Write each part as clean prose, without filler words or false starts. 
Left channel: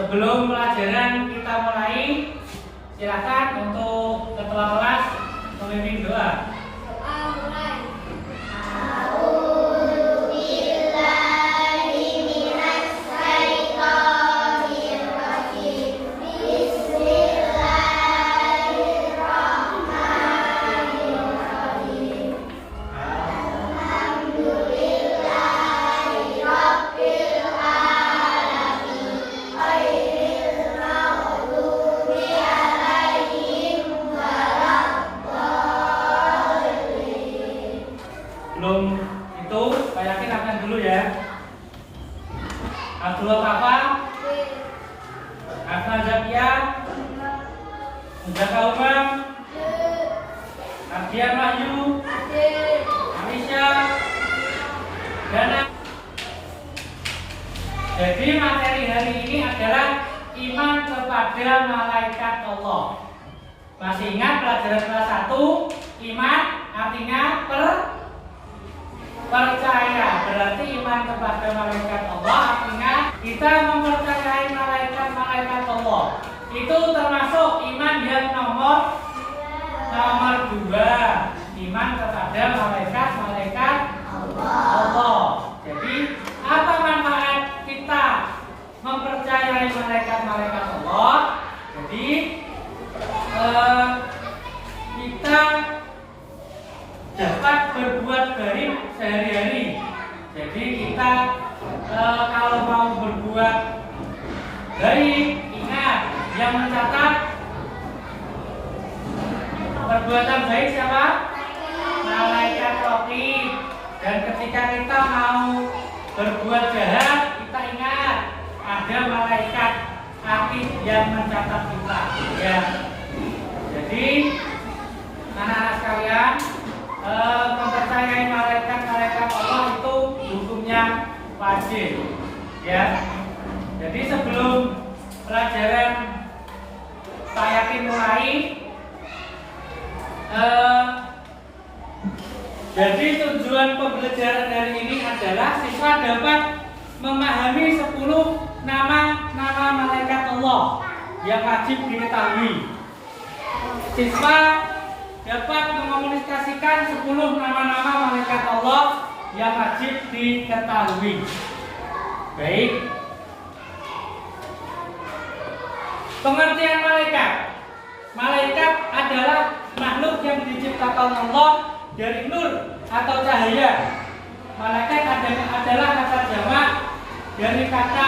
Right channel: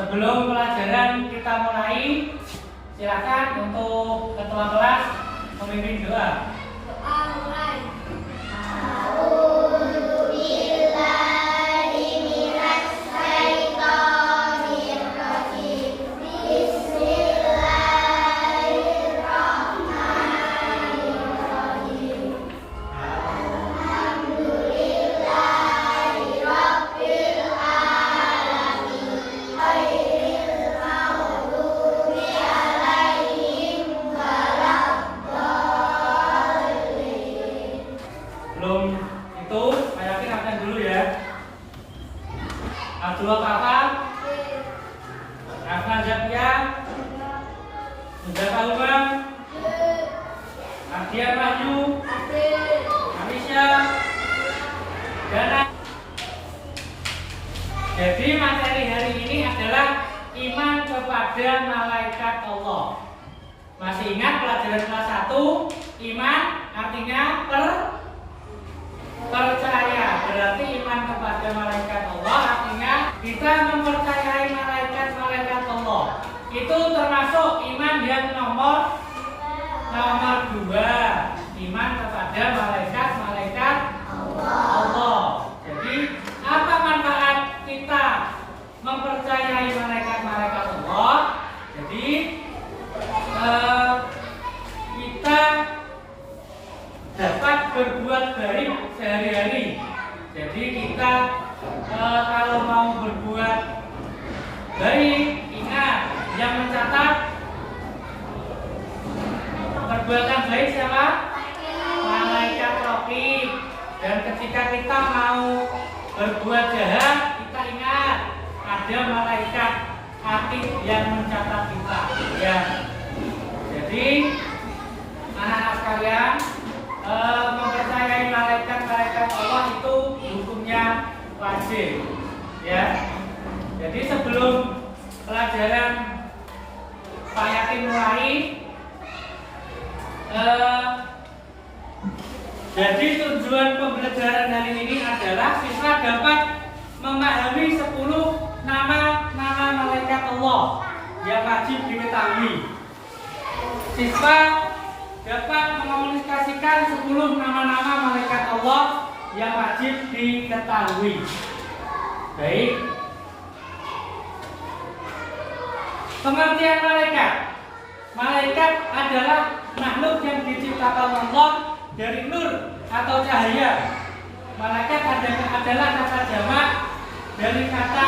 Sebelum pelajaran kita mulai, silakan untuk ketua kelas memimpin doa. Doa mulai. Belum itu, Pak Yakin akan dulu ya. Abdullah Papa, Akmal Zakia, Muzaka Umar, Abdian Wahyu, Alisya, Dana. Jadi materi hari ini adalah iman kepada malaikat Allah. Masih ingat pelajaran kelas 1, iman artinya percaya, berarti iman kepada malaikat Allah artinya kita mempercayai malaikat-malaikat Allah. Itu termasuk iman yang nomor 2, iman kepada malaikat-malaikat Allah. Jadi apa manfaat kita mempercayai malaikat-malaikat Allah? Jadi kita dapat berbuat baik sehari-hari. Jadi kita kalau mau berbuat baik, ingat yang mencatat perbuatan baik siapa? Malaikat raqib. Dan ketika kita mau berbuat jahat, kita ingat ada malaikat atid yang mencatat kita. Ya. Jadi anak-anak sekalian, mempercayai malaikat-malaikat Allah itu hukumnya wajib, ya. Jadi sebelum pelajaran Pak Yakin mulai, jadi tujuan pembelajaran hari ini adalah siswa dapat memahami 10 nama-nama malaikat Allah yang wajib diketahui. Siswa dapat mengomunikasikan 10 nama-nama malaikat Allah yang wajib diketahui. Baik. Pengertian malaikat. Malaikat adalah makhluk yang diciptakan Allah dari nur atau cahaya. Malaikat adalah kata jamak dari kata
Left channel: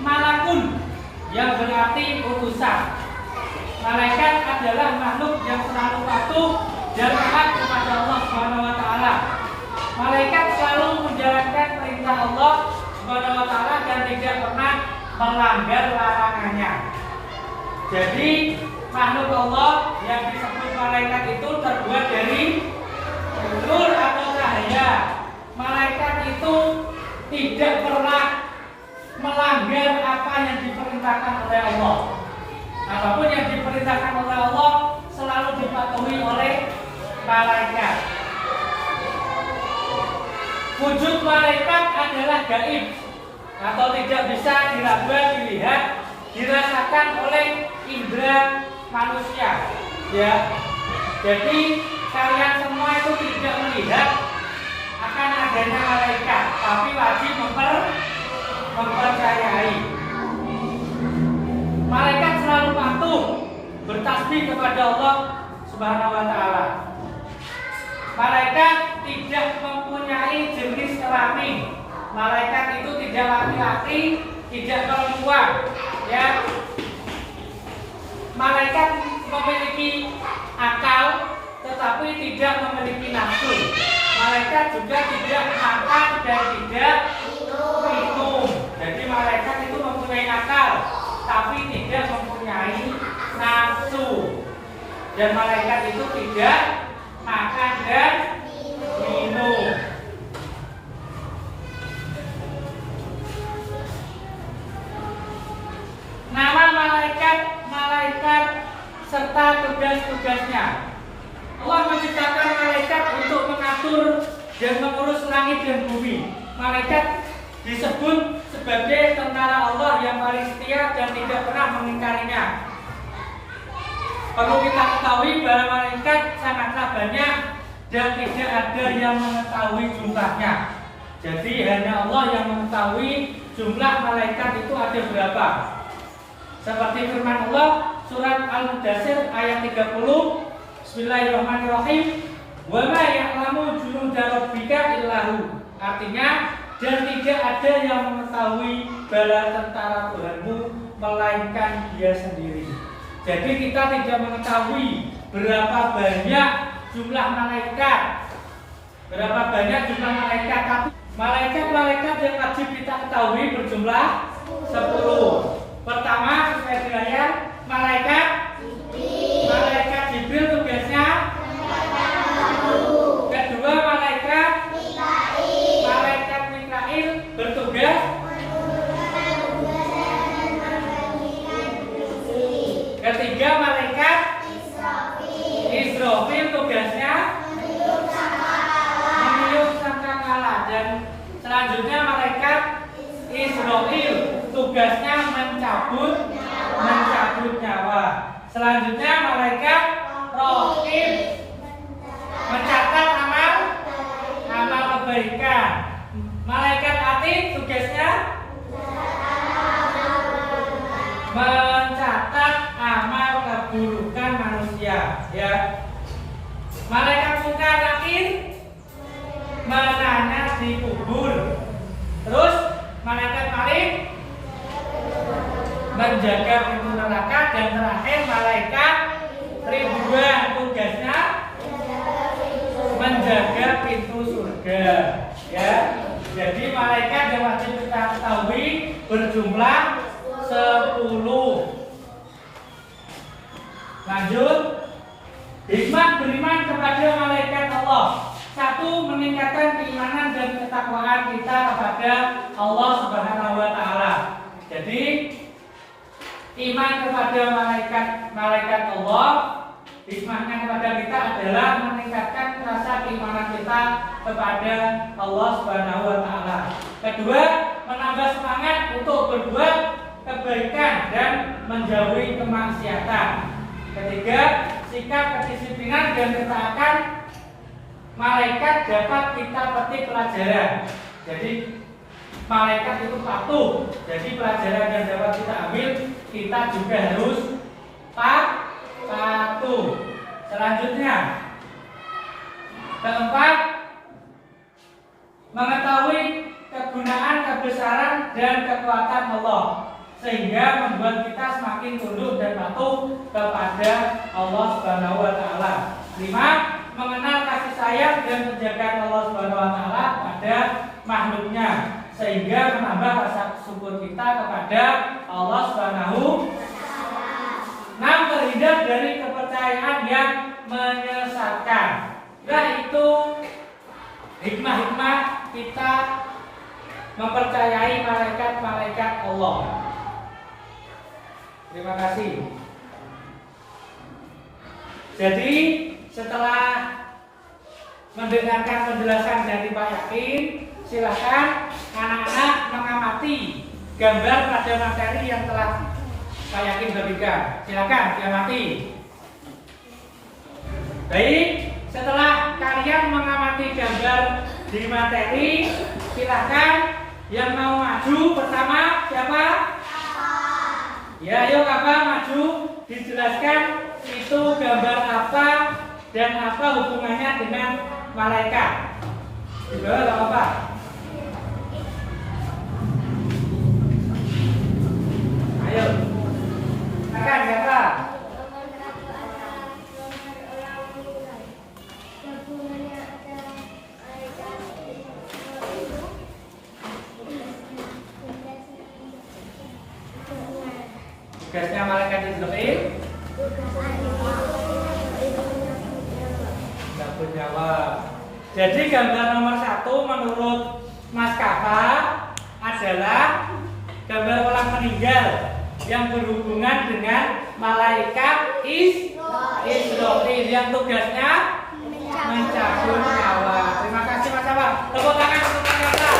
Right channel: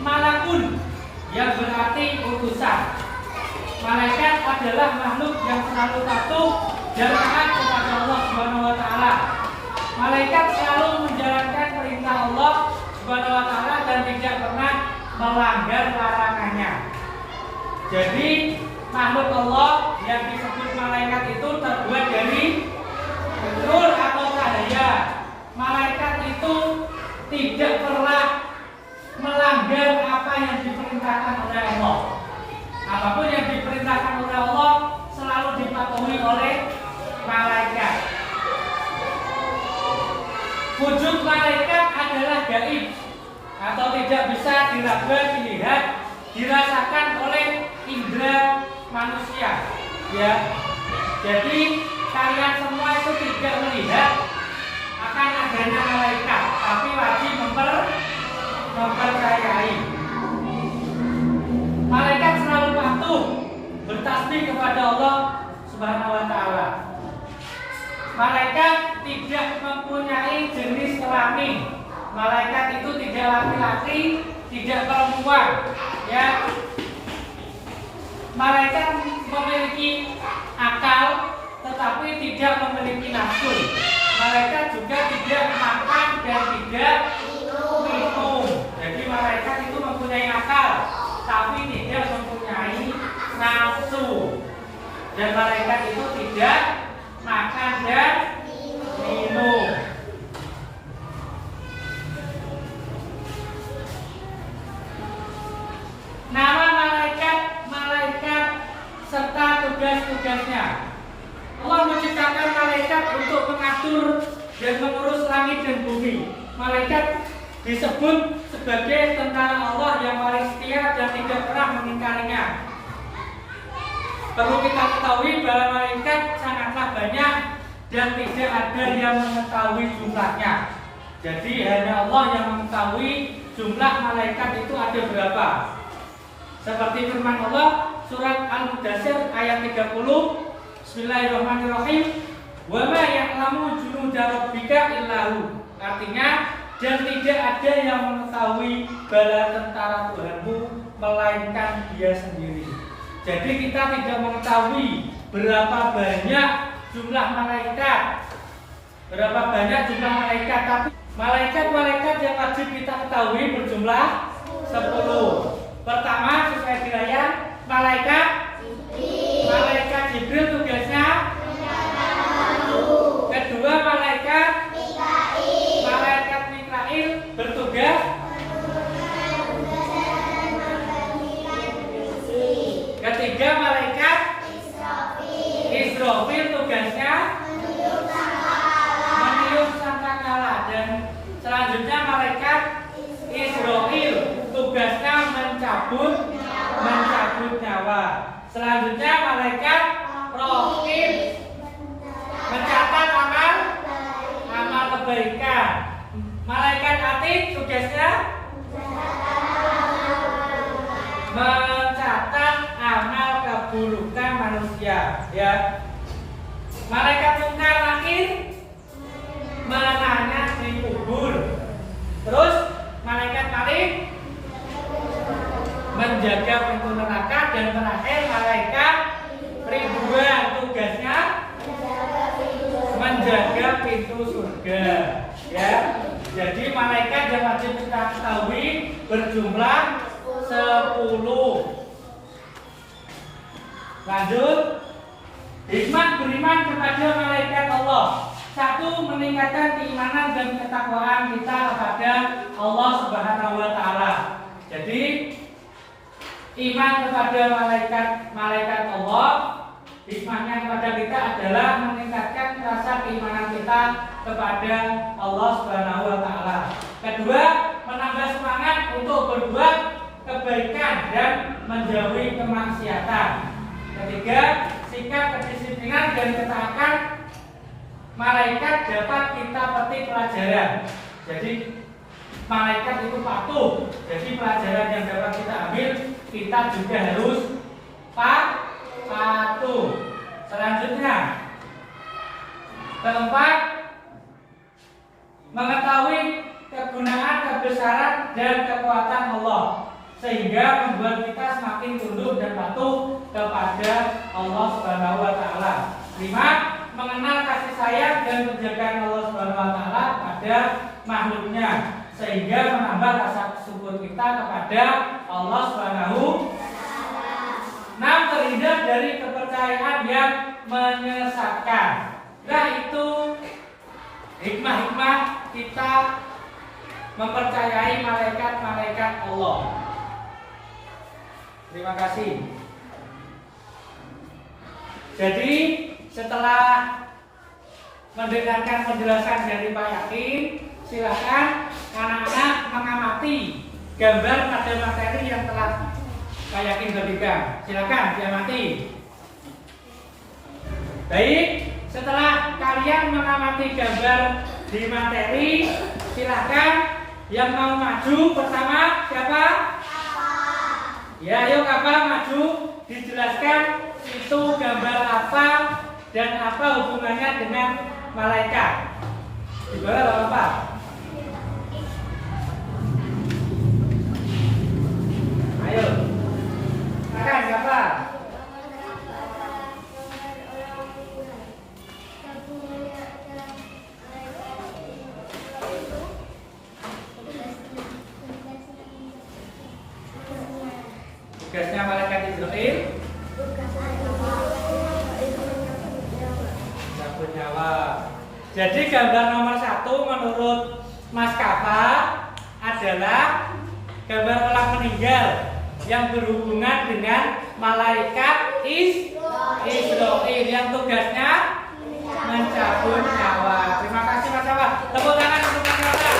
malakun yang berarti utusan. Malaikat adalah makhluk yang selalu patuh dan taat kepada Allah Subhanahu wa taala. Malaikat selalu menjalankan perintah Allah Subhanahu wa taala dan tidak pernah melanggar larangannya. Jadi makhluk Allah yang disebut malaikat itu terbuat dari nur atau cahaya. Malaikat itu tidak pernah melanggar apa yang diperintahkan oleh Allah. Apapun yang diperintahkan oleh Allah selalu dipatuhi oleh malaikat. Wujud malaikat adalah gaib atau tidak bisa diraba, dilihat, dirasakan oleh indera manusia. Ya, jadi kalian semua itu tidak melihat akan adanya malaikat, tapi wajib mempercayai. Malaikat selalu patuh bertasbih kepada Allah Subhanahu wa taala. Malaikat tidak mempunyai jenis kelamin. Malaikat itu tidak laki-laki, tidak perempuan, ya. Malaikat memiliki akal tetapi tidak memiliki nafsu. Malaikat juga tidak makan dan tidak minum. Jadi malaikat itu mempunyai akal tapi tidak mempunyai nafsu. Dan malaikat itu tidak makan dan minum. Nama malaikat serta tugas-tugasnya. Allah menciptakan malaikat untuk mengatur dan mengurus langit dan bumi. Malaikat disebut sebagai tentara Allah yang paling setia dan tidak pernah mengingkarinya. Perlu kita ketahui bahwa malaikat sangatlah banyak dan tidak ada yang mengetahui jumlahnya. Jadi hanya Allah yang mengetahui jumlah malaikat itu ada berapa. Seperti firman Allah surat Al-Mudaththir ayat 30, Bismillahirrahmanirrahim. Wa ma ya'lamu junuda rabbika illahu. Artinya, dan tidak ada yang mengetahui bala tentara Tuhanmu melainkan Dia sendiri. Jadi kita tidak mengetahui berapa banyak jumlah malaikat, tapi malaikat yang wajib kita ketahui berjumlah 10. Pertama, sesuai wilayah, malaikat Jibril tugasnya. Kedua, malaikat Mikail bertugas. Ketiga, malaikat Israfil tugasnya meniup sangkakala. Dan selanjutnya malaikat Israfil tugasnya mencabut nyawa. Selanjutnya malaikat Raqib mencatat amal kebaikan. Malaikat Atid tugasnya mencatat amal keburukan manusia, ya. Malaikat Munkar Nakir menanya di kubur. Terus malaikat Malik menjaga pintu neraka. Dan terakhir malaikat Ridwan tugasnya menjaga pintu surga, ya. Jadi malaikat yang wajib kita ketahui berjumlah 10. Lanjut, hikmah beriman kepada malaikat Allah. 1. Meningkatkan keimanan dan ketakwaan kita kepada Allah Subhanahu wa Ta'ala. Jadi iman kepada malaikat Allah, hikmahnya kepada kita adalah meningkatkan rasa keimanan kita kepada Allah Subhanahu wa Ta'ala. Kedua, menambah semangat untuk berbuat kebaikan dan menjauhi kemaksiatan. Ketiga, sikap kedisiplinan dan ketaatan malaikat dapat kita petik pelajaran. Jadi malaikat itu patuh. Jadi pelajaran yang dapat kita ambil, kita juga harus patuh. Selanjutnya, keempat, mengetahui kegunaan, kebesaran dan kekuatan Allah, sehingga membuat kita semakin tunduk dan patuh kepada Allah Subhanahu wa Ta'ala. 5. Mengenal kasih sayang dan penjagaan Allah Subhanahu wa Ta'ala pada makhluknya, sehingga menambah rasa syukur kita kepada Allah Subhanahu. 6. Terhindar dari kepercayaan yang menyesatkan. Nah, itu hikmah-hikmah kita mempercayai malaikat-malaikat Allah. Terima kasih. Jadi setelah mendengarkan penjelasan dari Pak Yakin, silakan anak-anak mengamati gambar pada materi yang telah Pak Yakin bagikan. Silakan diamati. Baik, setelah kalian mengamati gambar di materi, silakan yang mau maju pertama siapa? Ya, ayo kakak maju, dijelaskan itu gambar apa dan apa hubungannya dengan malaikat. Di bawah apa? Ayo, kakak siapa? Tugasnya malaikat Israfil cabut nyawa. Jadi gambar nomor 1 menurut Mas Kafa adalah gambar orang meninggal yang berhubungan dengan malaikat Israfil yang tugasnya mencabut nyawa. Terima kasih Mas Kafa. Tepuk tangan untuk Mas Kafa.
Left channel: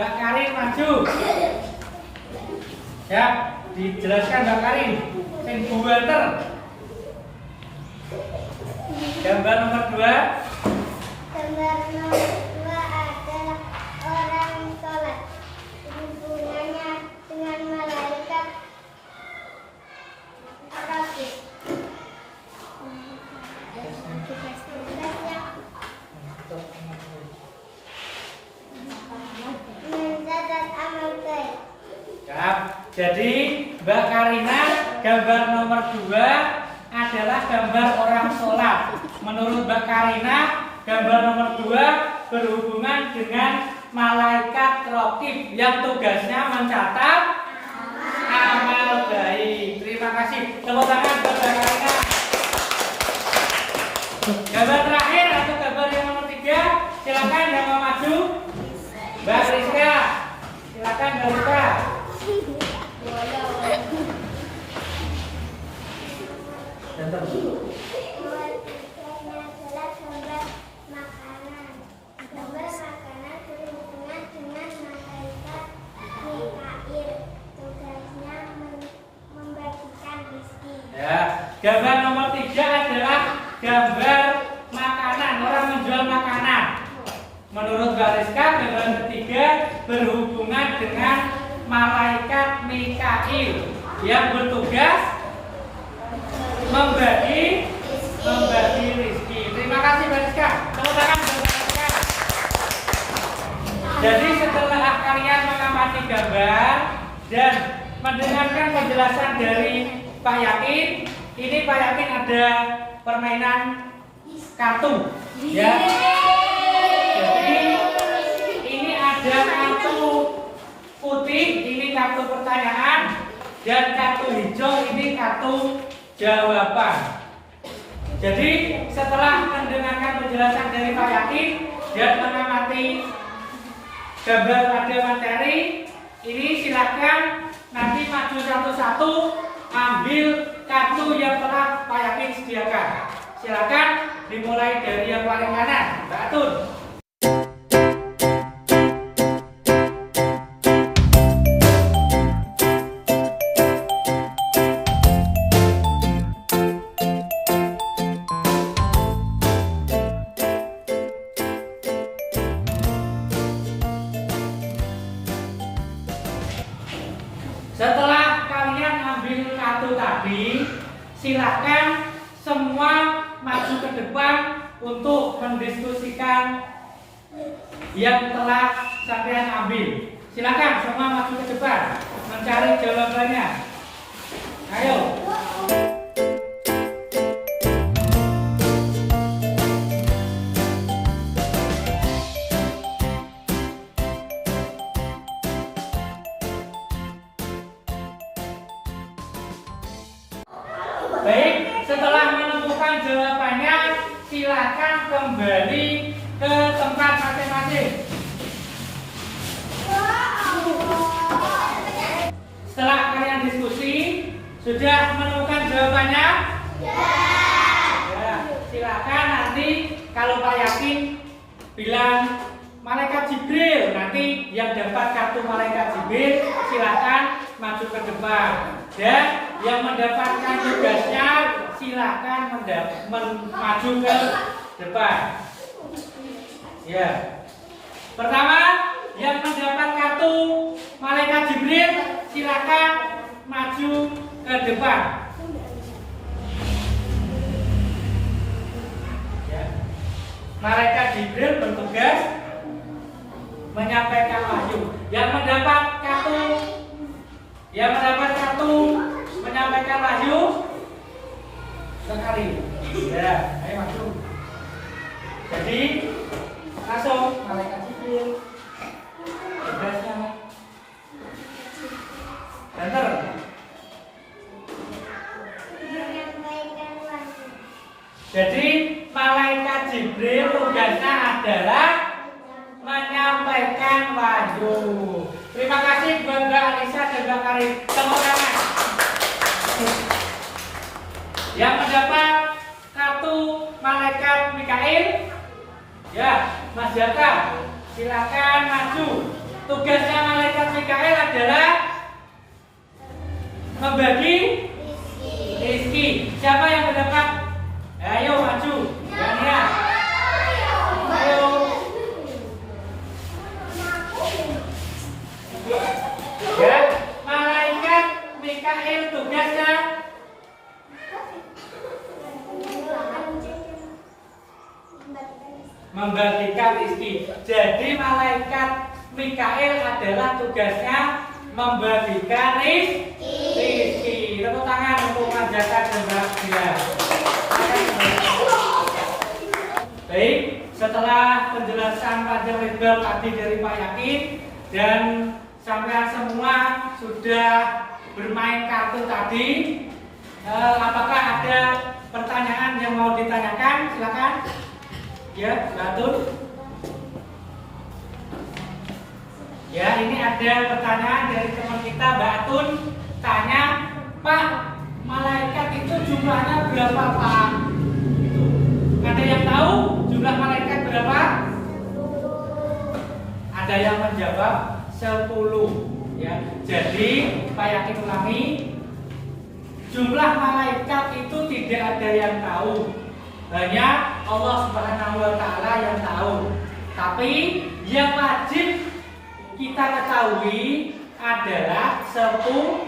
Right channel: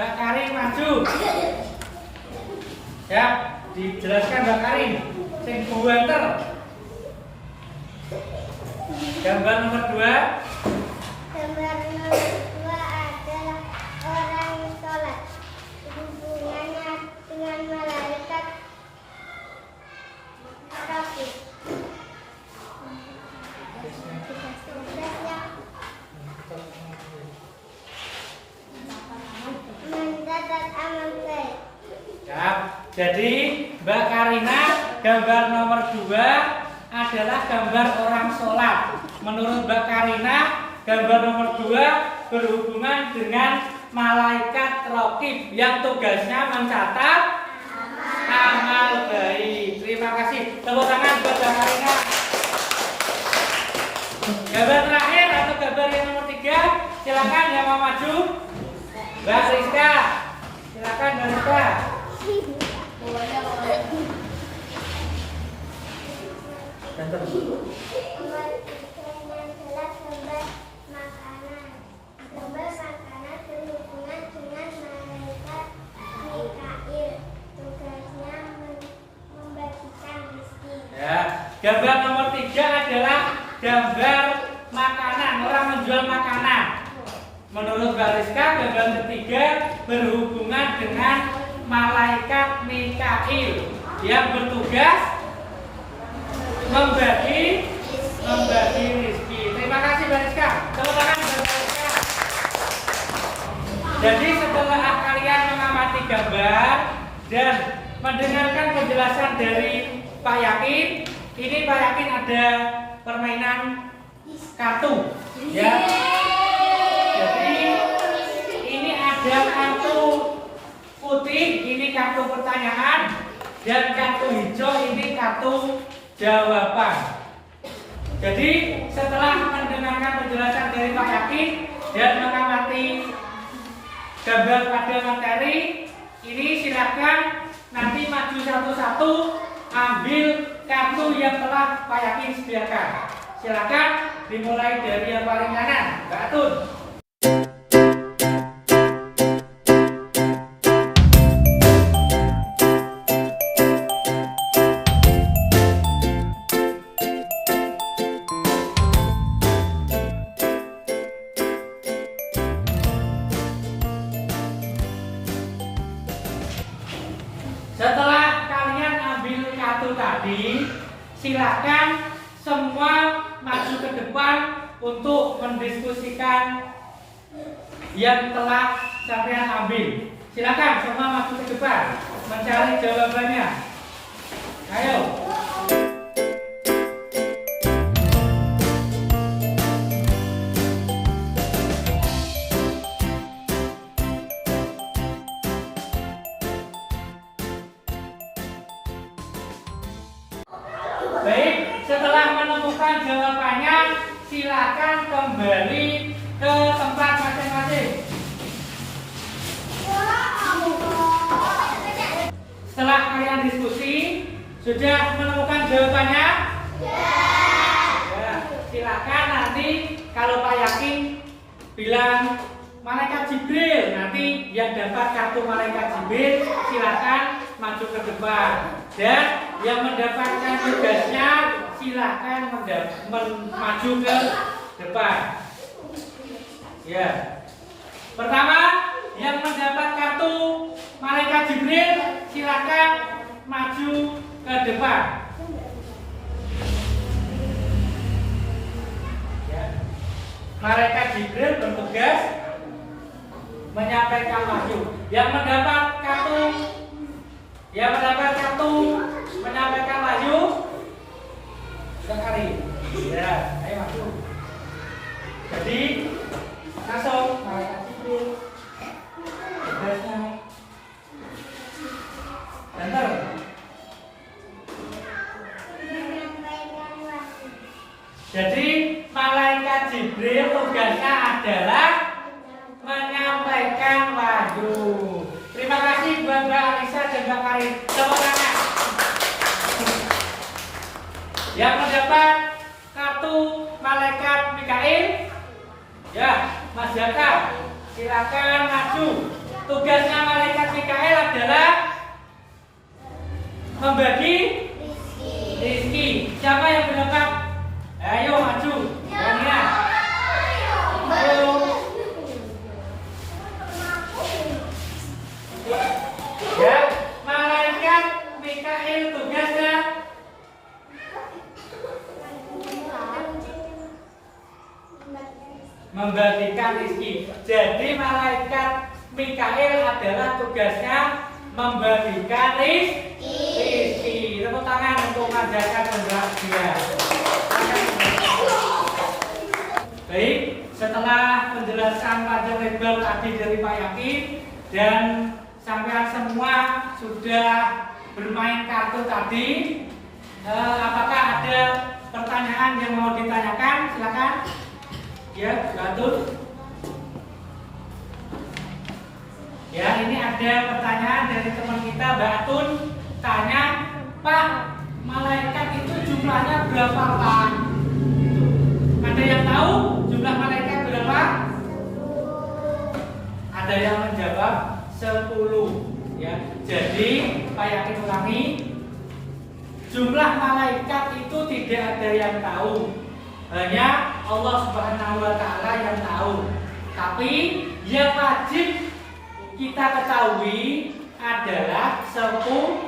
Mbak Karin maju. Ya, dijelaskan Mbak Karin. Sing buanter. Gambar nomor 2. Gambar nomor 2 adalah orang sholat. Hubungannya dengan malaikat raqib. Tugasnya mencatat amal baik. Ya, jadi Mbak Karina gambar nomor 2 adalah gambar orang sholat. Menurut Mbak Karina, gambar nomor 2 berhubungan dengan malaikat raqib yang tugasnya mencatat amal baik. Terima kasih. Tepuk tangan buat Mbak Karina. Gambar terakhir atau gambar yang nomor 3, silakan yang mau maju. Mbak Rizka, silakan Mbak Rizka. Ganteng. Nomor 3 adalah gambar makanan. Gambar makanan berhubungan dengan malaikat Mikail. Tugasnya membagikan rezeki. Ya, gambar nomor 3 adalah gambar makanan, orang menjual makanan. Menurut Mbak Rizka, gambar ketiga berhubungan dengan malaikat Mikail yang bertugas membagi rezeki. Terima kasih Mbak Rizka. Tepuk tangan Mbak Rizka. Jadi setelah kalian mengamati gambar dan mendengarkan penjelasan dari Pak Yakin, ini Pak Yakin ada permainan kartu, ya. Jadi ini ada kartu putih, ini kartu pertanyaan, dan kartu hijau ini kartu jawaban. Jadi setelah mendengarkan penjelasan dari Pak Yakin dan mengamati gambar pada materi ini, silakan nanti maju satu-satu ambil kartu yang telah Pak Yakin sediakan. Silakan dimulai dari yang paling kanan, Mbak Atun. Setelah kalian ambil kartu tadi, silakan semua maju ke depan untuk mendiskusikan yang telah kalian ambil. Silakan semua maju ke depan mencari jawabannya. Ayo. Baik, setelah menemukan jawabannya, silakan kembali ke tempat masing-masing. Setelah kalian diskusi, sudah menemukan jawabannya? Ya, silakan nanti kalau Pak Yakin bilang malaikat Jibril, nanti yang dapat kartu malaikat Jibril silakan maju ke depan, dan yang mendapatkan tugasnya silakan maju ke depan. Ya. Pertama, yang mendapat kartu malaikat Jibril silakan maju ke depan. Ya. Malaikat Jibril bertugas menyampaikan wahyu. Yang mendapat kartu menyampaikan wahyu sekali. Ya, ayo maju. Jadi langsung malaikat Jibril tugasnya enter. Menyampaikan wahyu. Jadi malaikat Jibril tugasnya adalah menyampaikan wahyu. Terima kasih buat Mbak Alisa dan Mbak Karin. Tepuk tangan. Yang mendapat kartu malaikat Mikail, ya, Mas Jaka, silakan maju Tugasnya malaikat Mikail adalah membagi rezeki. Siapa yang mendapat? Ayo maju. Daniel. Ayo. Ya, malaikat Mikail tugasnya membagikan rezeki. Jadi malaikat Mikail adalah tugasnya membagikan rezeki. Tepuk tangan untuk mengajarkan dan bahagia. Baik, setelah penjelasan panjang lebar tadi dari Pak Yakin dan sampean semua sudah bermain kartu tadi, apakah ada pertanyaan yang mau ditanyakan? Silakan. Ya, Batun. Ya, ini ada pertanyaan dari teman kita, Mbak Atun. Tanya, Pak, malaikat itu jumlahnya berapa, Pak? Gitu. Ada yang tahu jumlah malaikat berapa? Ada yang menjawab 10. Ya, jadi Pak Yakin ulangi, jumlah malaikat itu tidak ada yang tahu. Hanya Allah Subhanahu wa Ta'ala yang tahu. Tapi yang wajib kita ketahui adalah 10,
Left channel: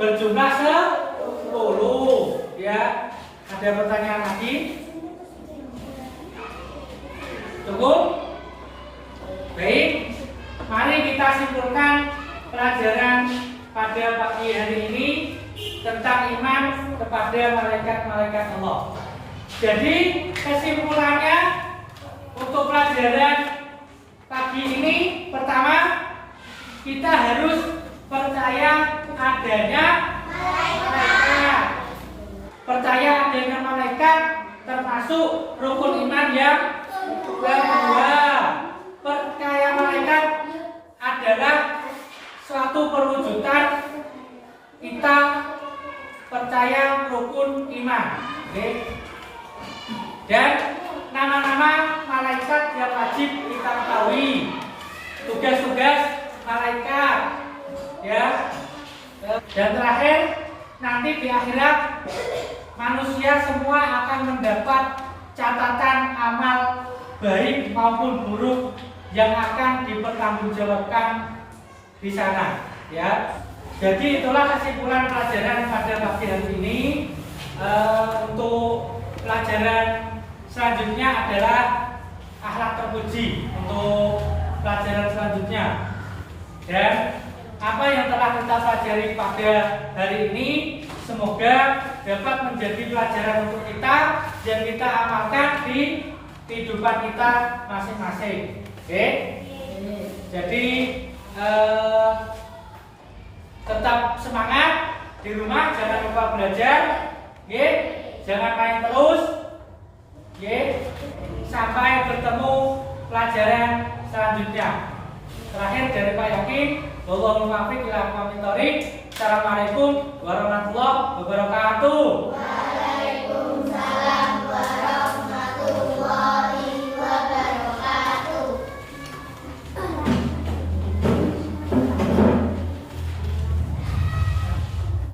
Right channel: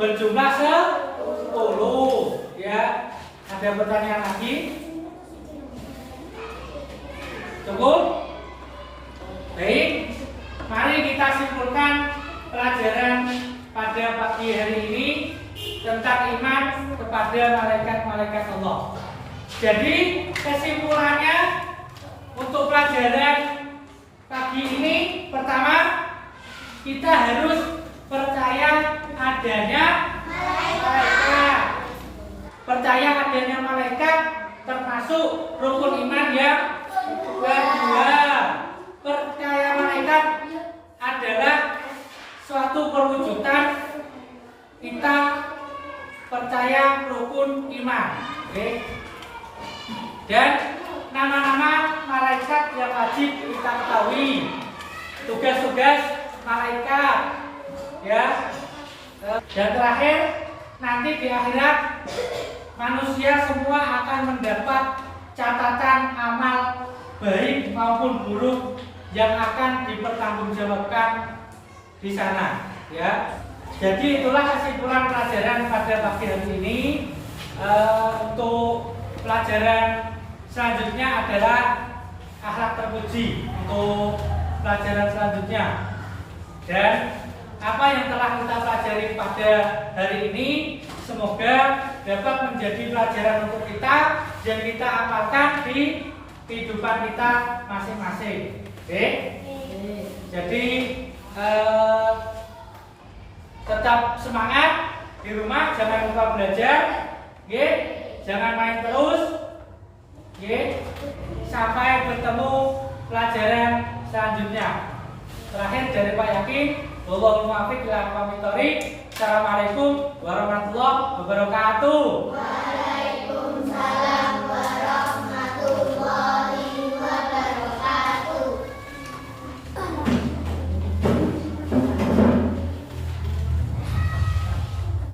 berjumlah 10. Ya, ada pertanyaan lagi? Cukup? Baik, mari kita simpulkan pelajaran pada pagi hari ini tentang iman kepada malaikat-malaikat Allah. Jadi kesimpulannya untuk pelajaran pagi ini, pertama, kita harus percaya adanya malaikat. Percaya adanya malaikat termasuk rukun iman yang kedua. Percaya malaikat adalah suatu perwujudan kita percaya rukun iman. Oke. Dan nama-nama malaikat yang wajib kita ketahui, tugas-tugas malaikat, ya. Dan terakhir, nanti di akhirat manusia semua akan mendapat catatan amal baik maupun buruk yang akan dipertanggungjawabkan di sana, ya. Jadi itulah kesimpulan pelajaran pada pagi hari ini. Untuk pelajaran selanjutnya adalah akhlak terpuji untuk pelajaran selanjutnya. Dan apa yang telah kita pelajari pada hari ini semoga dapat menjadi pelajaran untuk kita dan kita amalkan di kehidupan kita masing-masing. Oke? Jadi tetap semangat di rumah, jangan lupa belajar. Oke? Jangan main terus. Oke? Sampai bertemu pelajaran selanjutnya. Terakhir dari Pak Yakin, Assalamualaikum warahmatullahi wabarakatuh.